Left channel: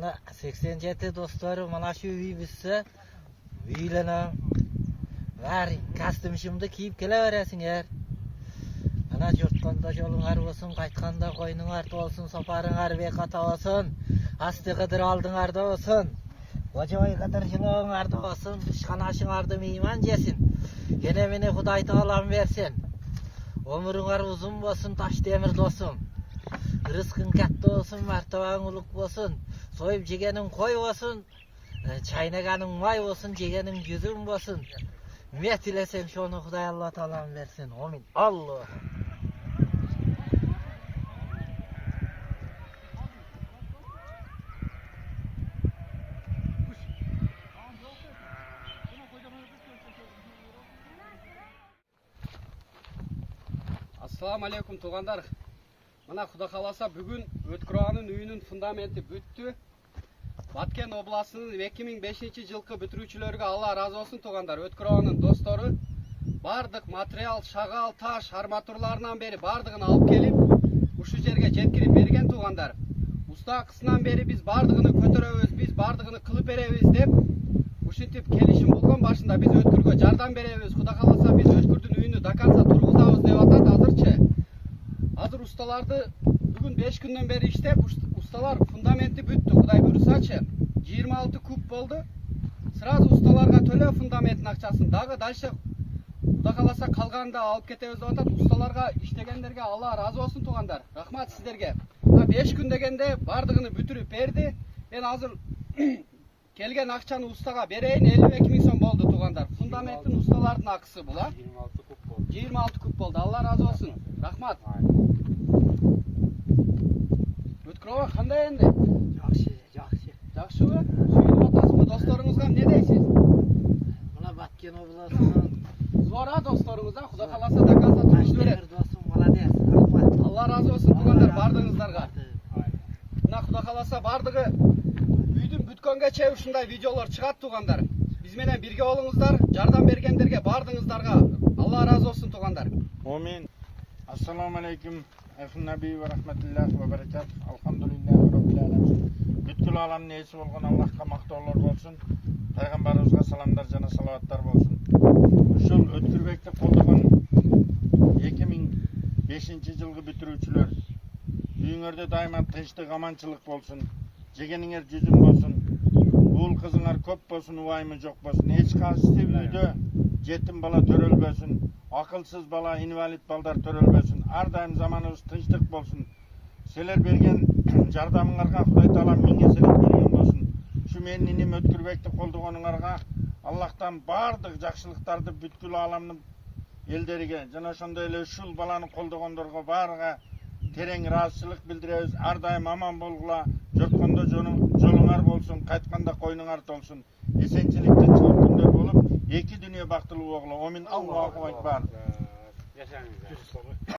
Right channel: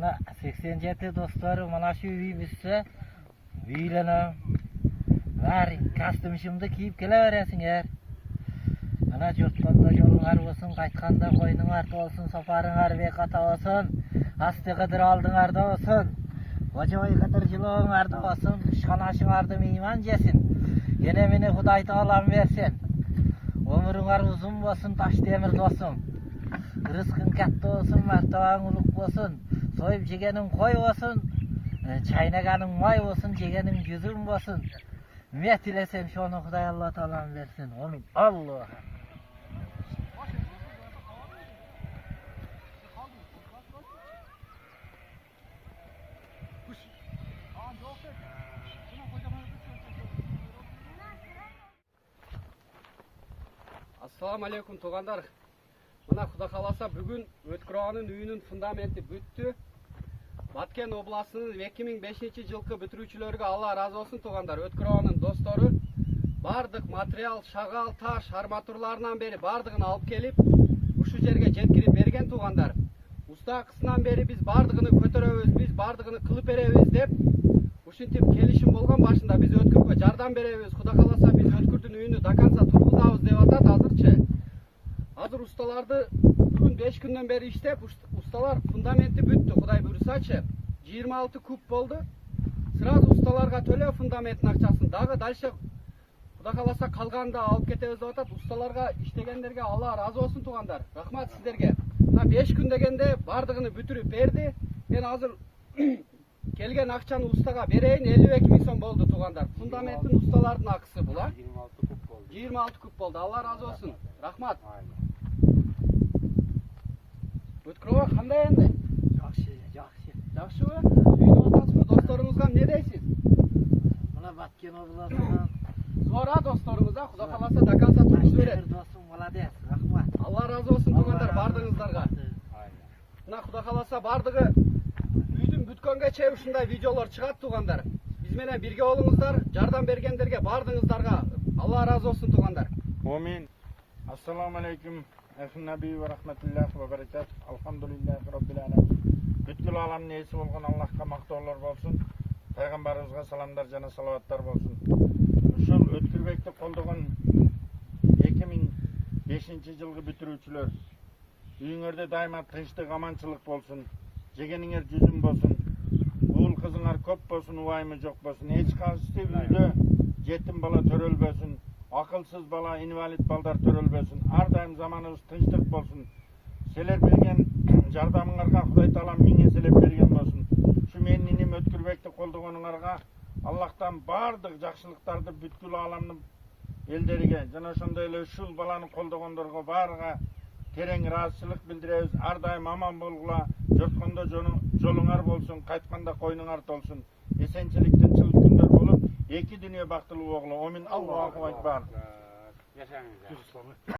Mana 87 dostları mana şu uy bitse uylanam. Var kostyumimni kiyip kelaverasiңер. Mana jurtqanda jolungar bolsun, qaytqanda qo'yningar to'lsin, safaringar beqata olsun. Asti qidir oldinglarda olsun. Vojoy qidir jilonglarda olsun, ishxonashingарды meyman jesin. Yine meni Xudoy taolam bersin. Ömrüңar uzun bolsun, taş demir dostum. Rızkın katta olsun, martaban uluk olsun. Soyup jegenin koy olsun. Çaynaganın may olsun, jegenin yüzün olsun. Ne dilesen şonu Xudoy Allah taolam versin. Amin. Allah. Assalamu alaikum tuğanlar. Mana Xudo kalasa bugün Ötküroğanın үйünün fundamenti büttü. Баткен областının 2005 жылкы бүтүрүүчүлөргө Allah razı olsun tuğanlar. Ötküroğanın dostları bardык материал, шагал, таш, арматурларынан бери бардыгын алып келип, ушул жерге жеткирип берген туğanдар. Usta kısından beri biz bardığını kötörөбүз, biz bardığını kılıp berебиз деп ушинтип келишим болгон башында biz Өткүргө жардам беребиз. Кудай кааласа biz Өткүрдүн үйүнү до конца тургузабыз деп атат азырчы. Азыр ustaларды бүгүн 5 күндөн бери иштеп, ustalar фундаменти бүттү. Кудай буйрусачы 26 куб болду. Сразу ustalarга төлөө фундаменттин акчасын. Дагы дальше Кудай кааласа калганында алып кетебиз деп атат. Ustalarга иштегендерге Allah разы болсун тугандар. Рахмат сиздерге. 5 күн дегенде бардыгыны бүтүрүп берди. Мен азыр келген акчаны ustaга берейин, 52 000 сом болду тугандар. Фундаменттин ustaлардын акысы бул, а? 26 куб болду. 26 куб болду. Allah разы болсун. Рахмат. Өткүрөө кандай энди? Жакшы, жакшы. Жакшыбы? Сүйүнүп атасызбы? Досторуңузга эмне дейсиз? Мына Баткен областынан Зора досторуңузга Кудай кааласа до конца тургузуп берет. достум, молодец, рахмат. Allah разы болсун тугандар бардыгыңыздарга. Мына Кудай кааласа бардыгы үйдүн бүткөнгө чейин ушундай видеолор чыгат тугандар. Биз менен бирге болуңуздар, жардам бергендерге бардыгыңыздарга Allah разы болсун тугандар. Amin. Assalamu alaikum. Efendim Nebi ve rahmetullahi ve berekat. Elhamdülillahi Rabbil alemin. Bütkül alamın iyisi olgun Allah'a maktoğullar olsun. Peygamberimize salamlar, cana salavatlar olsun. Uşul Ötkürbek'te kolduğun 2005 жылғы бүтүрүүчүлөр. Үйüңөрдө daima тынчтык, аманчылык болsun. Жегениңер жүзүң болsun. Уул кызыңар көп болsun, убайымы жок болsun. Эч кайсы үйдө жетим бала төрөлбөсүн. Akılsız bala, invalid balдар төрөлбөсүн. Ар дайым заманыбыз тынчтык болsun. Силер берген жардамыңарга Кудай таалам миң эселеп берген болsun. Şu менин иним Өткүрбекти колдогонуңарга Аллахтан бардык жакшылыктарды бүткүл аламдын элдериге жана ошондой эле ушул баланы колдогондорго баарыга терең ыраазычылык билдиребиз. Ар дайым аман болгула, жорткондо жолуңар болсун, кайтканда койнуңар толсун. Эсенчиликтин чылык күндөр болуп, эки дүйнө бактылуу болгула. Амин. Аллаху акбар. Yaşayın.